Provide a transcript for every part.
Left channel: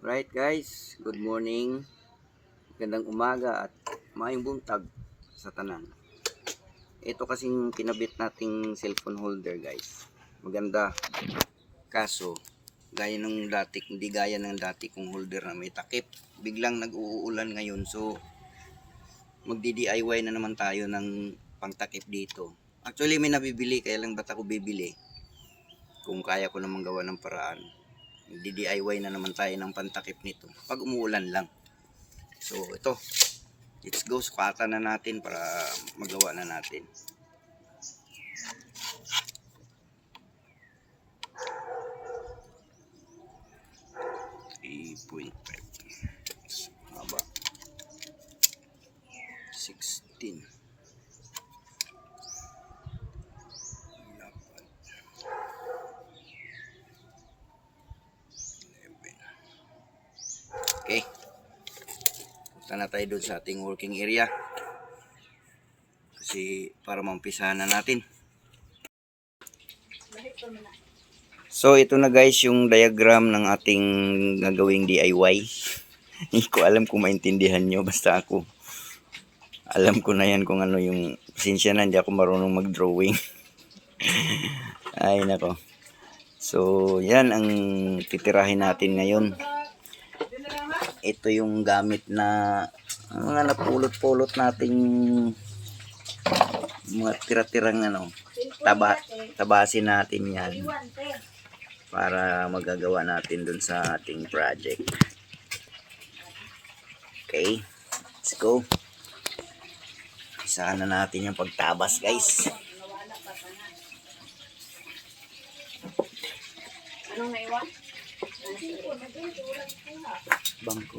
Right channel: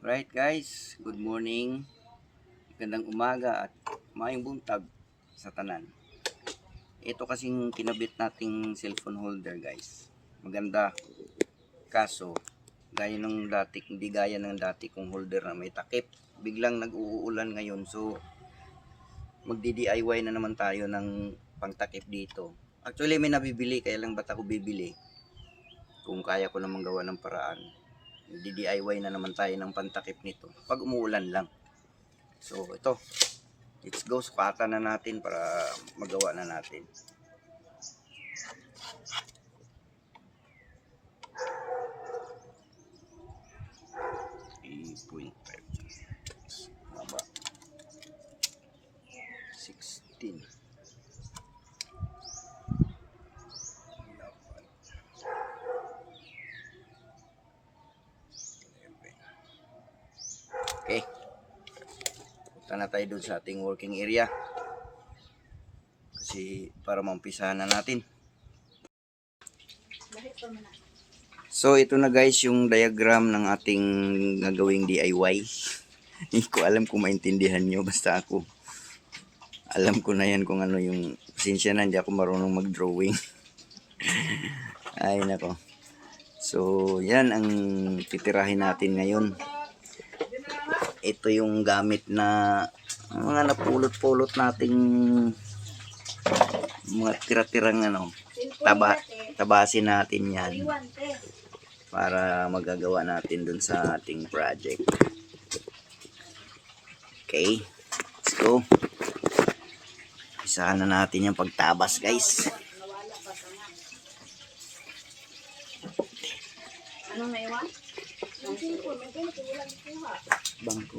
Right guys, good morning, gandang umaga at maayong buntag sa tanan. Ito kasing kinabit nating cellphone holder guys. Maganda, kaso gaya ng dati, hindi gaya ng dati kong holder na may takip. Biglang nag-uulan ngayon, so magdi-DIY na naman tayo ng pangtakip dito. Actually may nabibili, kaya lang ba't ako bibili kung kaya ko namang gawa ng paraan. Magdi-DIY na naman tayo ng pantakip nito pag umuulan lang. So ito, let's go, sukatan na natin para magawa na natin. Maba 16 okay, punta na tayo doon sa ating working area kasi para mampisahan na natin. So ito na guys yung diagram ng ating gagawing DIY. Hindi ko alam kung maintindihan nyo, basta ako alam ko na yan kung ano yung, pasensya na, hindi ako marunong mag-drawing. Ay nako. So yan ang titirahin natin ngayon. Ito yung gamit na mga napulot-pulot nating mga tira-tirang tabasin natin yan para magagawa natin dun sa ating project. Okay, let's go. Isahan na natin yung pagtabas guys. Anong naiwan? Bangko.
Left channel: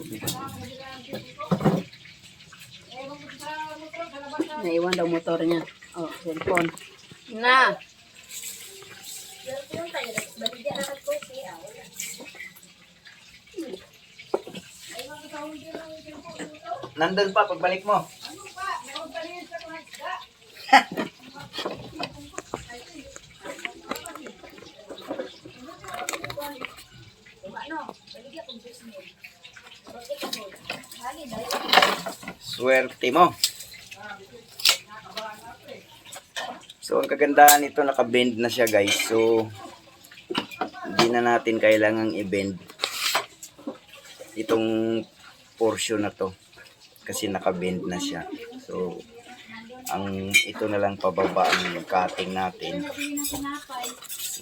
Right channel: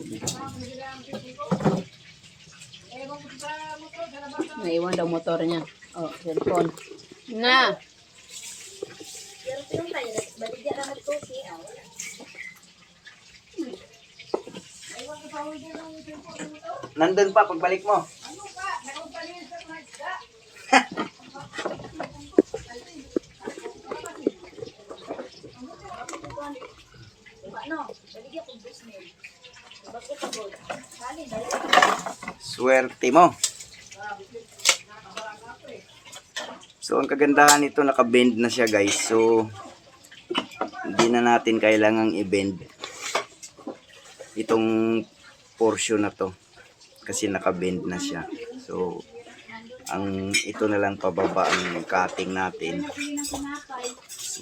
Naiwan daw motor niya. Oh, cellphone. Na. Nandun pa pagbalik mo. Swerte mo. So ang kagandahan nito, naka-bend na siya guys. So hindi na natin kailangang i-bend itong portion na to kasi naka-bend na siya. So ang ito na lang pababa ang cutting natin.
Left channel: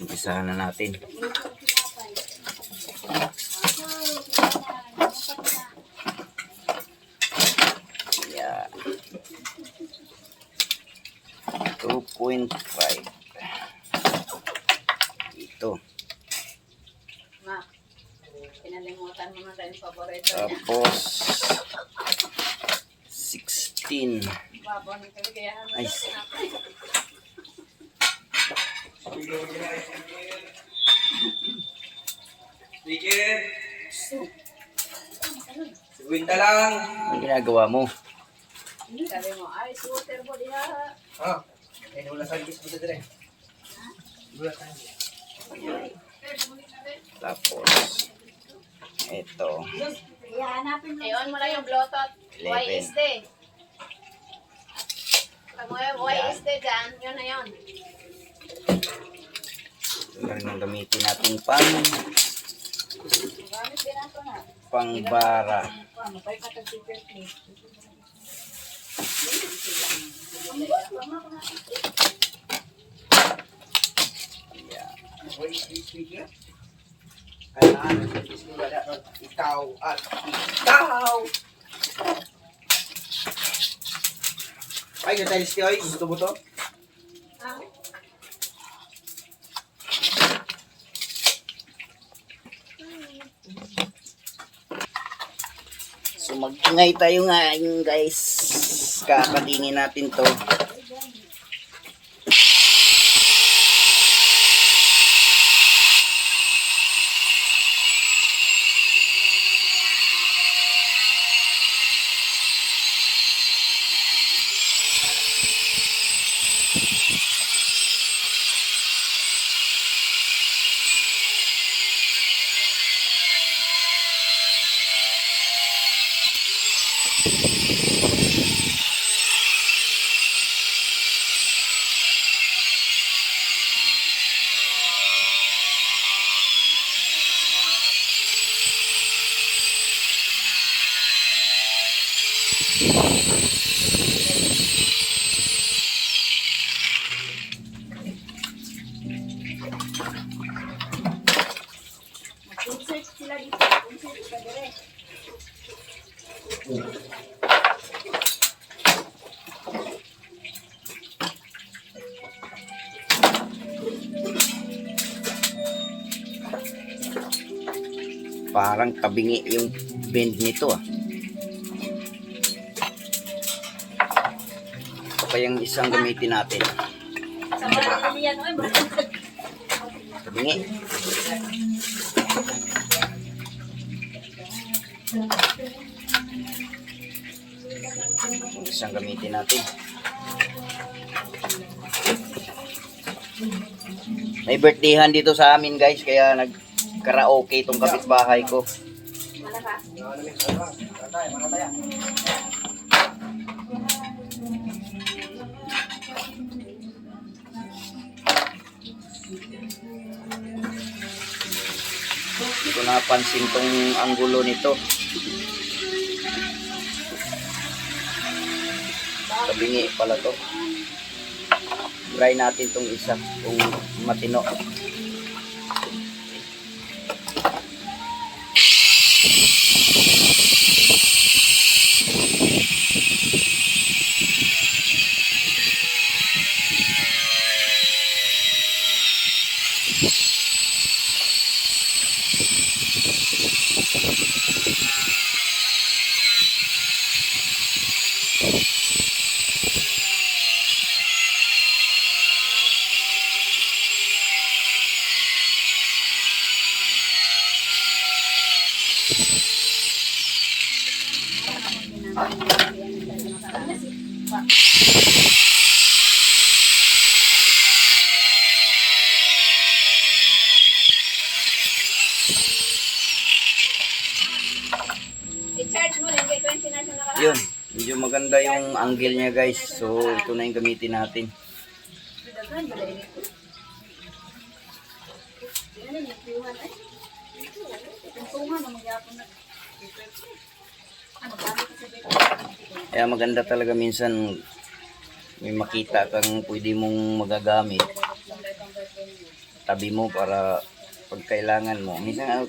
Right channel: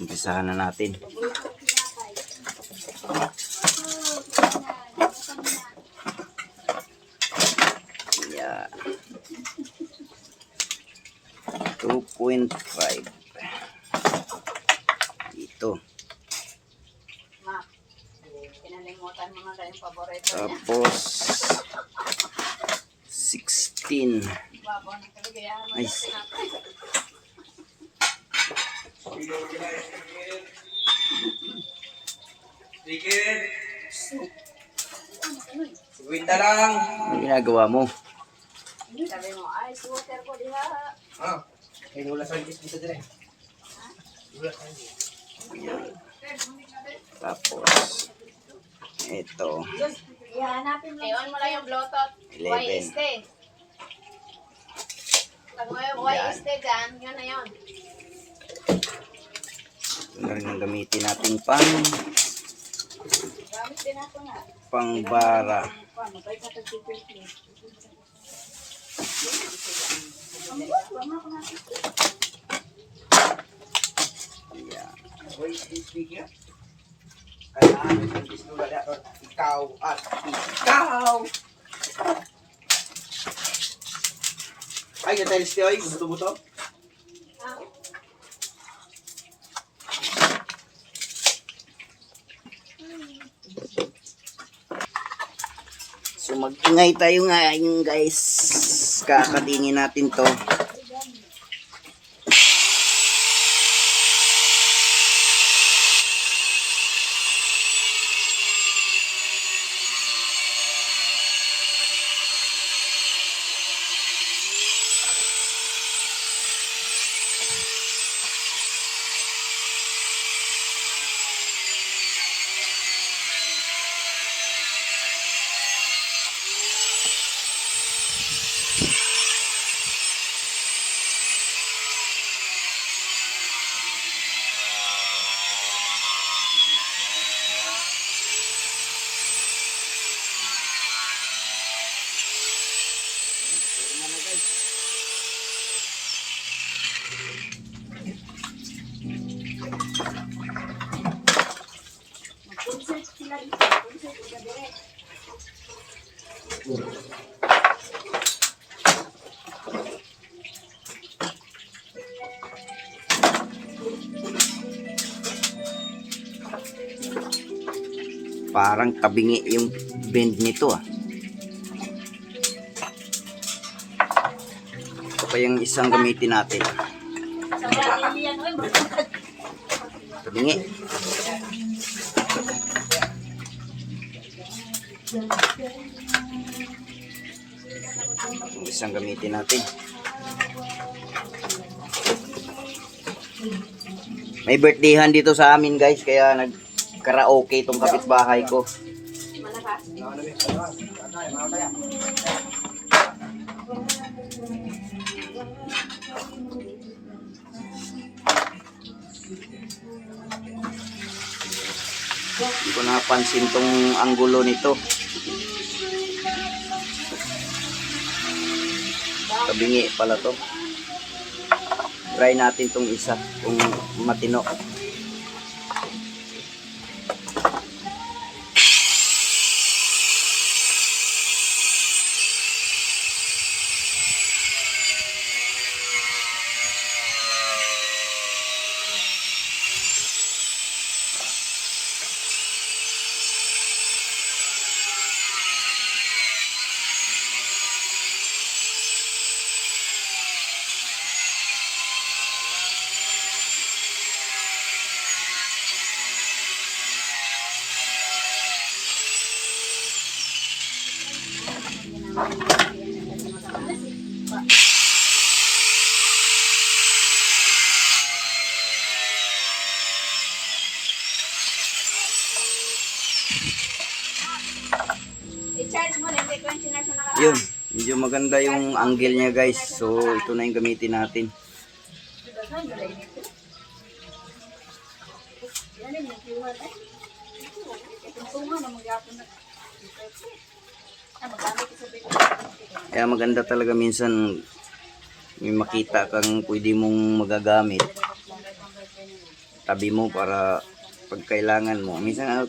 Umpisahan na natin. Yeah. 2.5 ito. Ma, pinalimutan mo na kayong paborito niya. Tapos 16. Nice. Sige. Seguinta lang. Ano ginagawa mo? Sabi mo, ay, scooter po diha. Ah, ay wala sa gis buta dire. Wala sa gis. Tapos ito Ihanapin mo. I-on mo lang yung Bluetooth. 11. YST. Pag mo YST dyan, yun na yun. ito na rin ang gamitin natin Gamit din nato na. pangbara. Mabay ka tag-paper plate. Yeah. Wait, speak ya. Kailangan sa gis ko wala ikaw at ikaw. Ay, gatalis ti oy, gusto mo to? So mag-ingay tayo ngayon guys. Kakadingin natin to. Mag-insert sila dito. Insert ka direct. Parang tabingi yung bend nito ah. Ito pa yung isang gamitin natin. Sa marami yan. Uy, magkakag. Tabingi. Yung isang gamitin natin. May birthdayhan dito sa amin guys, kaya nag-karaoke itong kapitbahay ko. Malakas. Hindi ko napansin tong anggulo nito. Tabingi pala to. Try natin tong isa kung matino. I-charge mo rin kay 29 sa nakaraan. Yun, medyo maganda yung angle niya guys. So ito na yung gamitin natin. Daghan mo rin ito. Yan yung iwan ay. Itong suma na magyapon na. Ay, magkano ka sa beko. Kaya maganda talaga minsan may makita kang pwede mong magagamit. Tabi mo para pag kailangan mo. Minsan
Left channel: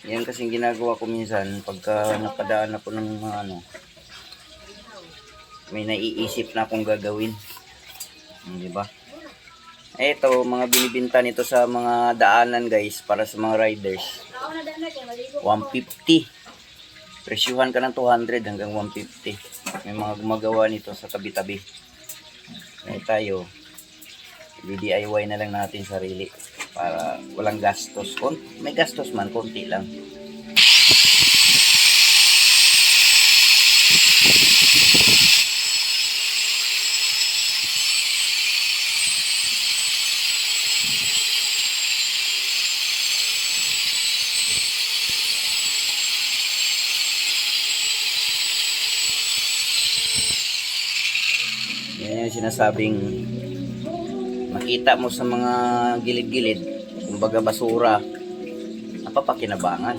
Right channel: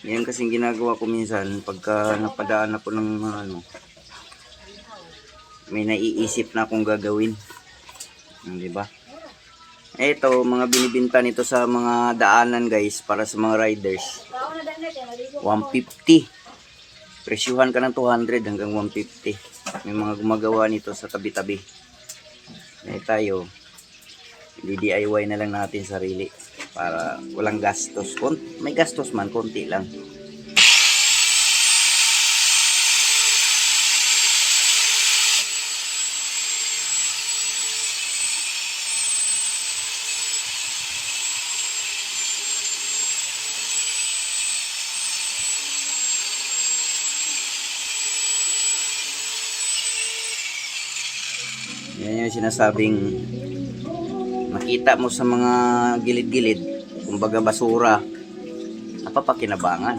yan kasing ginagawa ko minsan pagka napadaan ako ng ano, may naiisip na akong gagawin. Di ba? Ito, mga binibinta nito sa mga daanan guys, para sa mga riders. 150. Presyuhan ka ng 200 hanggang 150. May mga gumagawa nito sa tabi-tabi. Tayo, DIY na lang natin sarili para walang gastos. May gastos man, konti lang. Yan yung sinasabing makita mo sa mga gilid-gilid, kumbaga basura, napapakinabangan.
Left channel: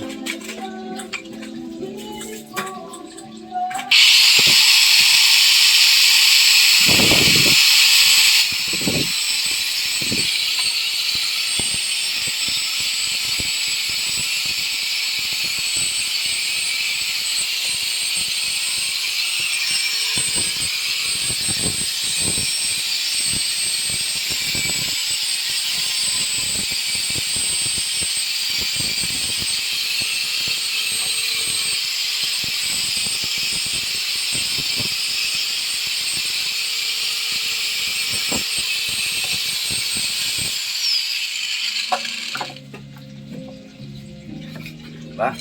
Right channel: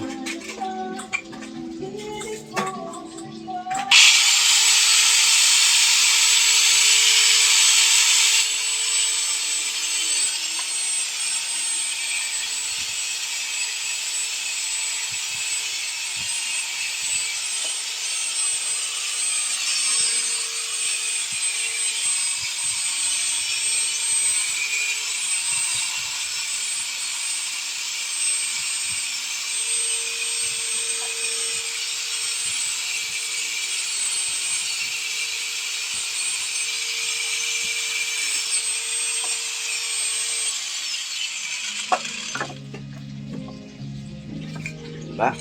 Diba?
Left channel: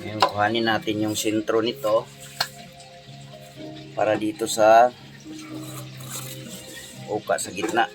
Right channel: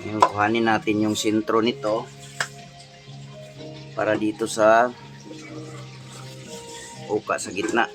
Ngayon, kuhanin natin yung sentro nito para dito sa uka sa gitna.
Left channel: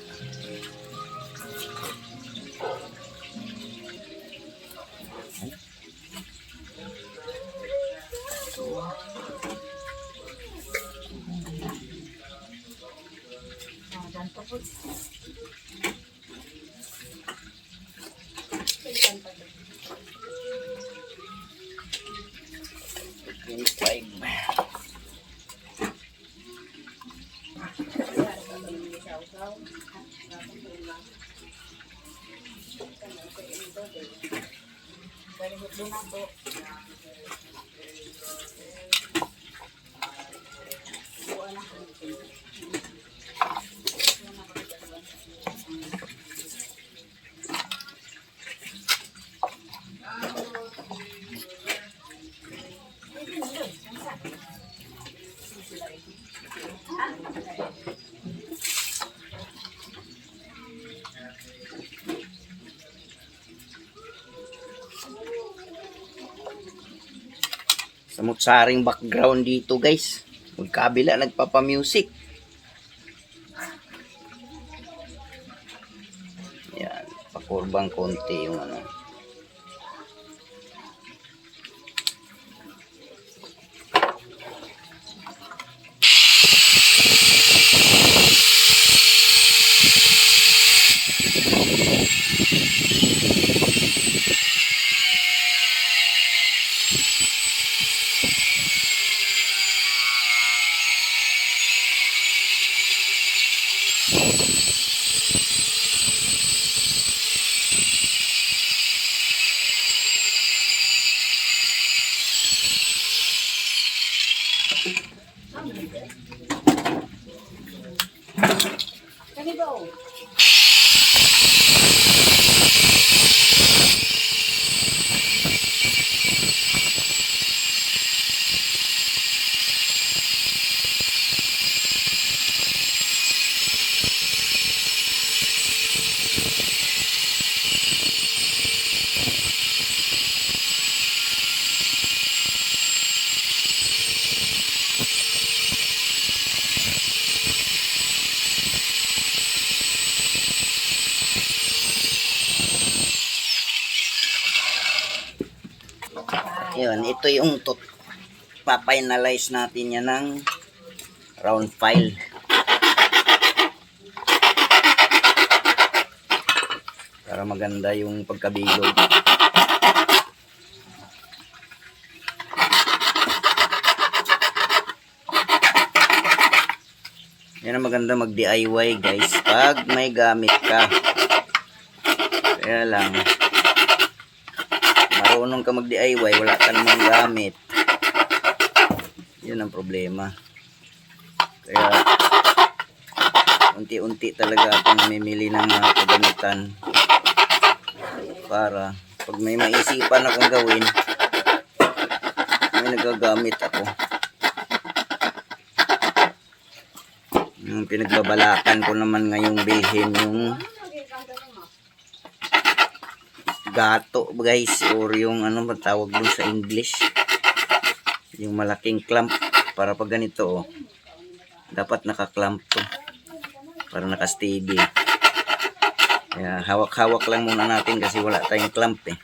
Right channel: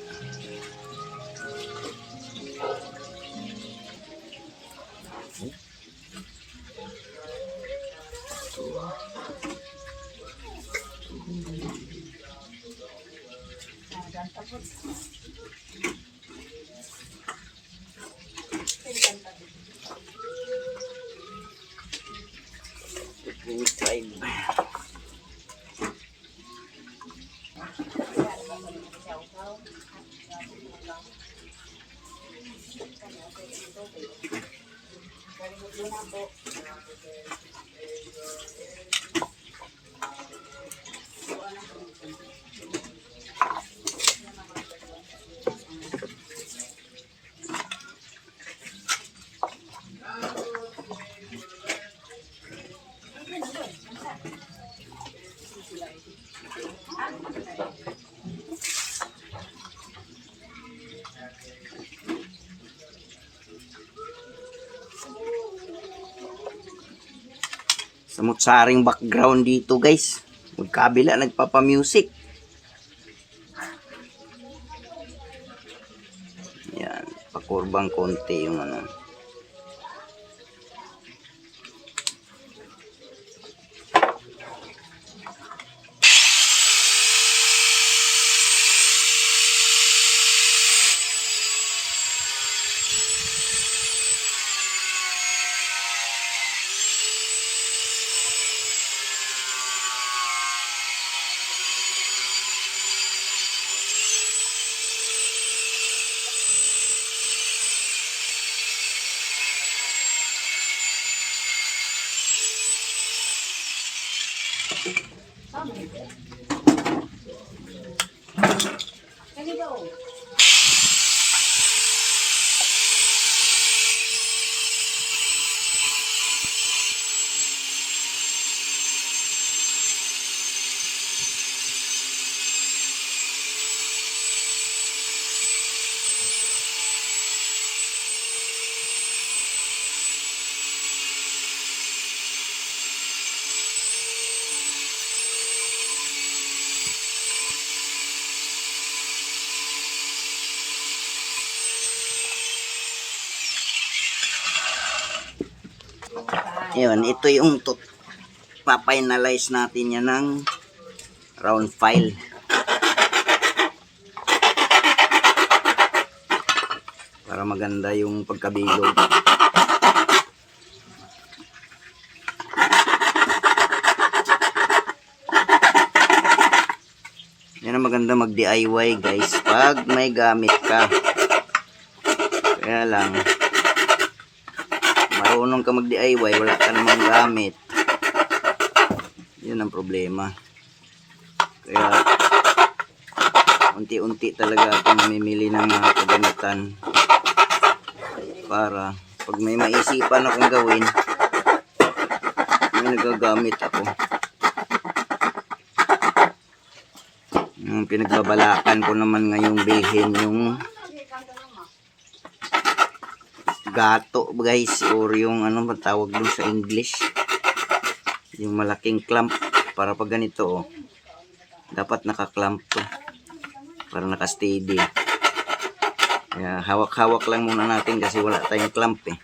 Samut-saring background dito guys. Magkabila nagpapa-music. Yan, pakurbang konti yung ano. Yun, ito yung papainalize natin yan ng round file. Para maganda yung pagkabilog. Yan ang maganda mag-DIY guys pag may gamit ka. Kaya lang marunong ka mag-DIY, wala ka namang gamit. Yun ang problema. Kaya unti-unti talaga ako namimili ng mga kagamitan para pag may maisipan akong gawin, may nagagamit ako. Yung pinagbabalakan ko naman ngayong bilhin yung gato guys, or yung ano matawag dun sa English, yung malaking clamp para pag ganito dapat naka-clamp to para naka-steady. Kaya hawak-hawak lang muna natin kasi wala tayong clamp eh.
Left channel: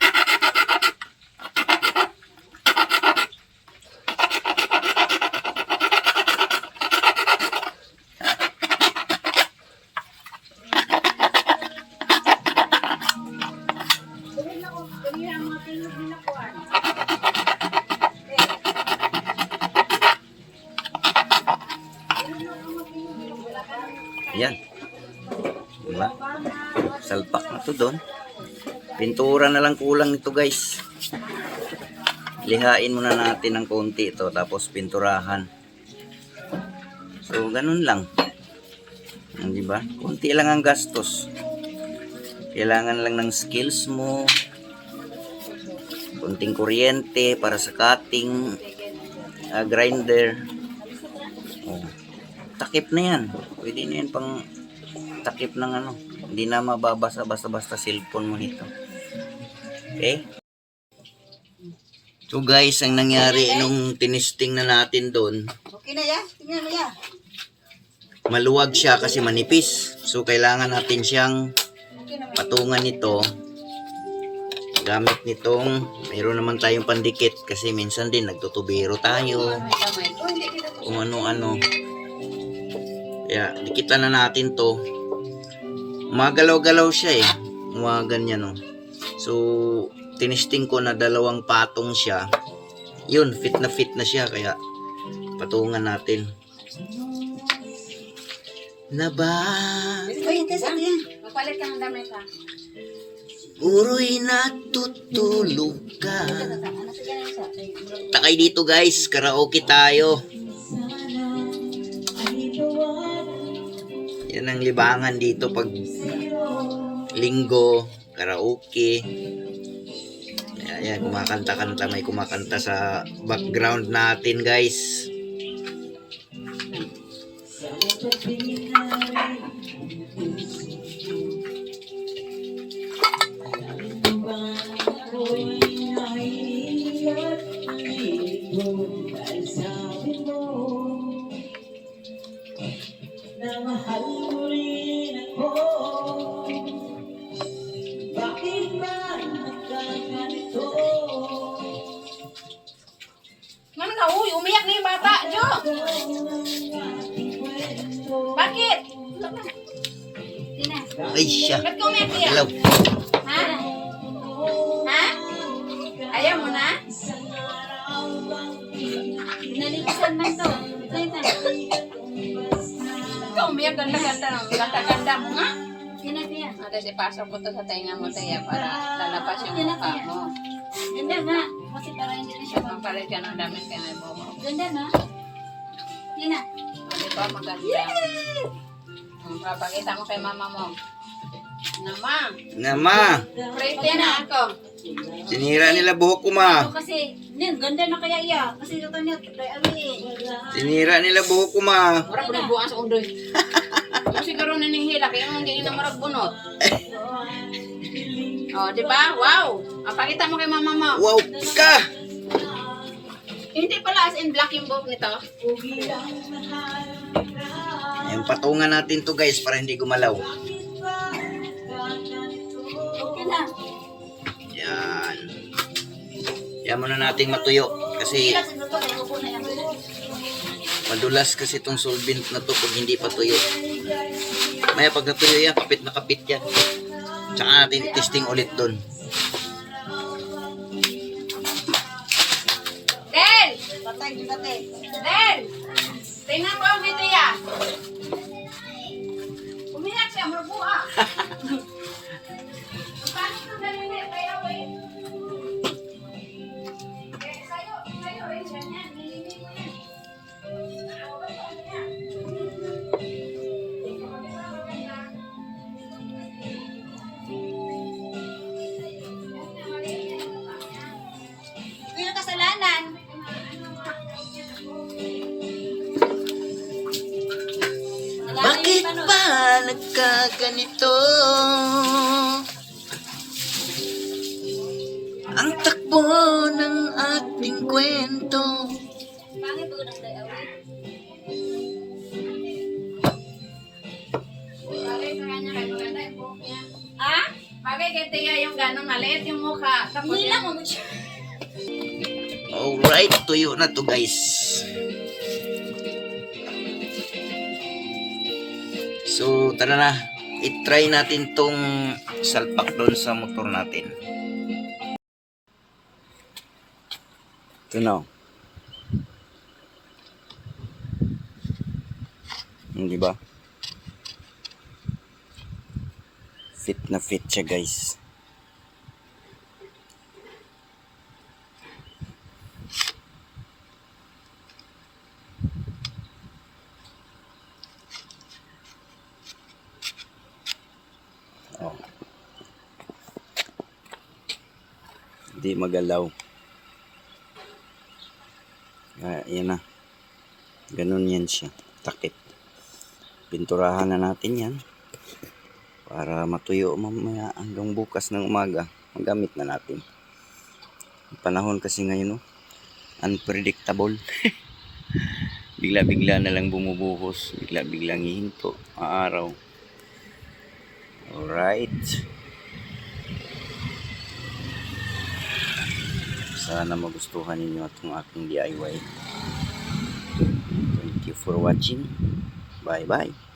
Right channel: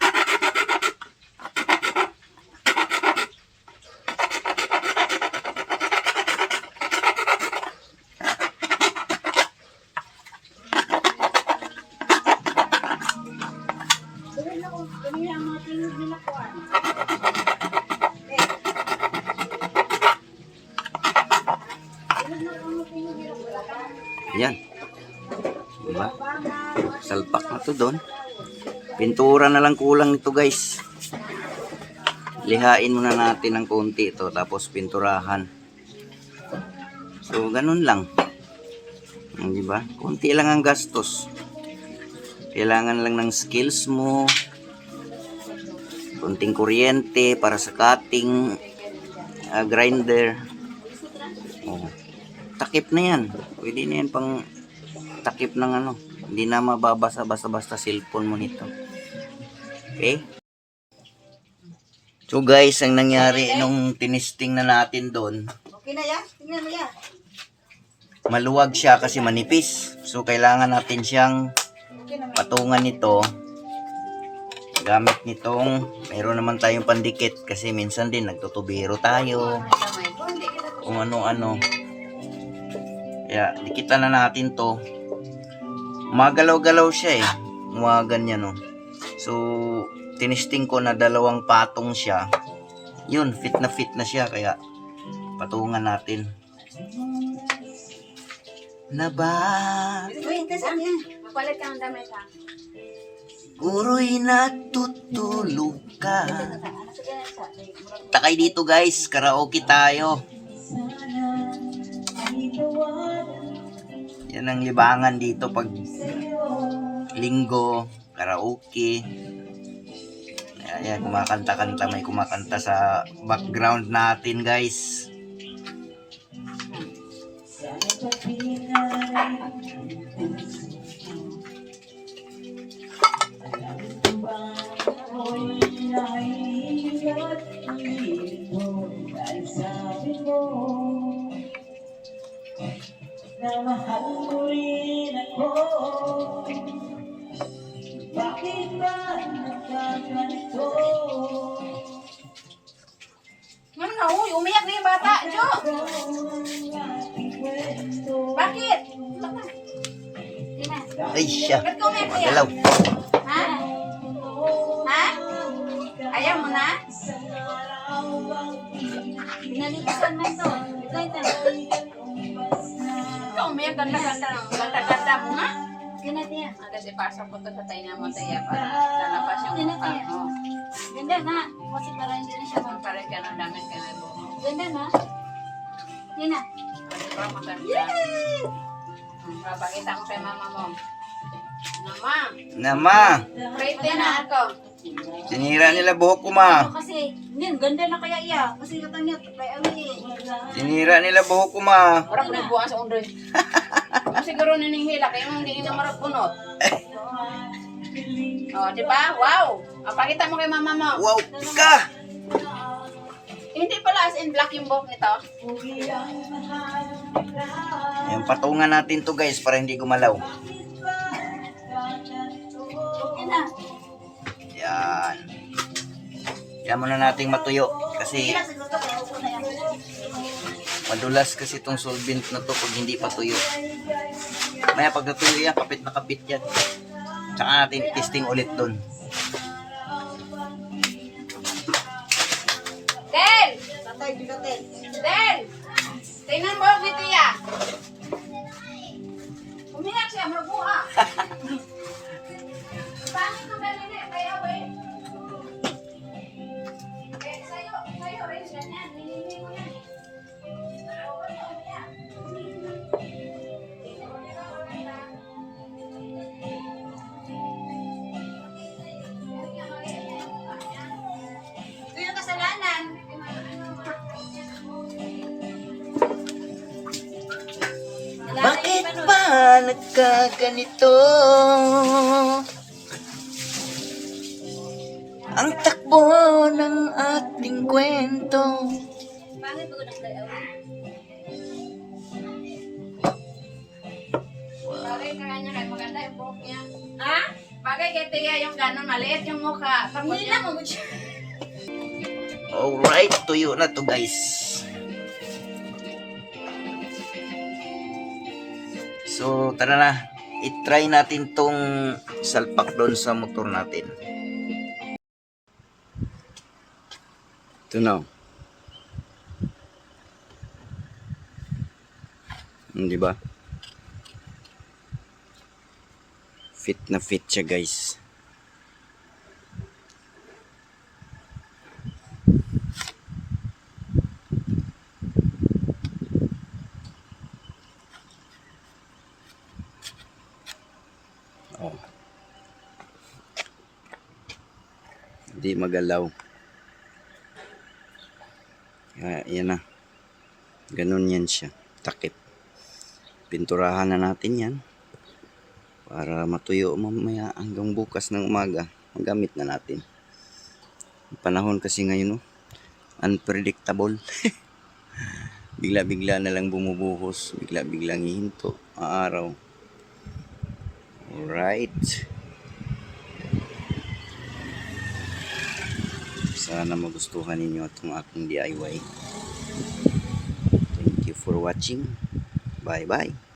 Yan. Diba? Salpak na to doon. Pintura na lang kulang nito guys. Lihain muna natin ng konti ito tapos pinturahan. So ganun lang. Diba? Konti lang ang gastos. Kailangan lang ng skills mo. Konting kuryente para sa cutting grinder. Oh. Takip na yan. Pwede na yan pang takip ng ano. Hindi na mababasa basta-basta cellphone mo nito. Okay? So guys, ang nangyari nung tinisting na natin doon, Okay na yan? Tingnan mo yan. maluwag siya kasi manipis. So kailangan natin siyang patungan nito. Gamit nitong, mayroon naman tayong pandikit kasi minsan din nagtutubiro tayo. Kung ano-ano. Kaya dikitan na natin to. Magalaw-galaw siya eh. Mga ganyan oh. So tinisting ko na 2 patong siya. Yun, fit na siya kaya patungan natin. na ba? Uy, magpalit ka ng damit ha. Guro'y natutulog ka. Ano sa ganyan sa? Takay dito guys, karaoke tayo. Yan ang libangan dito pag linggo, karaoke. Ayan, kumakanta-kanta, may kumakanta sa background natin guys. Na mahal mo rin ako. Bakit ba nagkaganito? Ano na, uy, umiyak na yung bata, Jo! Bakit? Tina, Ay siya, ba't ka umiyak kuya? galaw. Ha? Ha? Ayaw mo na? Nalikisan man to. Ikaw umiyak, ganda-ganda ng ganda-ganda mo nga. Tina, Tina. Ate, pasok ko to sa tainga mo, Taya, para lalabas yung mukha mo. Ganda na. Kasi para hindi na siya pampalit ka ng damit ka na bumo. Ganda na. Tina. Di ba maganda? Papakita mo kay mama mo. Nama, Nama, pretty na ako. tinira nila buhok ko ma. Kasi, ganda na kaya iya. Kasi ito niya, kaya ami. Tinira nila buhok ko ma. Marap na buwan sa undoy. Kung siguro na ning hila, kaya hindi na marap bunot. Oh, di ba? Wow! Pakita mo kay mama mo. Wow ka! Hindi pala as in black yung buhok nito. Yung patungan natin to guys para hindi gumalaw. Okay na. Yan. Yan muna nating matuyo. Kasi madulas kasi itong solvent na to pag hindi pa tuyo. Maya pag natuyo yan, kapit na kapit yan. Tsaka natin testing ulit dun. Del! Del! Tingnan mo ang video ya. Umiyak siya, marbuha. Paano kung dali na, kaya ba eh? Sa'yo rin siya niyan. Hinihingi mo yan eh. O, ba't ka umiyak? Ito yung kasalanan. Bakit ba nagkaganito? Ang takbo ng ating kwento. Pangit po ng day away. Bagay sa kanya kay maganda yung buhok niya. Ha? Bagay kay Tia yung gano'n maliit yung mukha. Tapos hindi lang mo. Alright, tuyo na to guys. So, tara na. I-try natin tong salpak doon sa motor natin. Ito na. Di ba? Fit na fit siya guys. Oh. Hindi magalaw. Yan na. Ganun yan siya. Takip. Pinturahan na natin yan. Para matuyo mamaya hanggang bukas ng umaga. Magamit na natin. Ang panahon kasi ngayon, no? Unpredictable. Bigla-bigla na lang bumubuhos. Bigla-biglang hihinto. Araw. Alright. Sana magustuhan ninyo itong aking DIY. Thank you for watching. Bye-bye.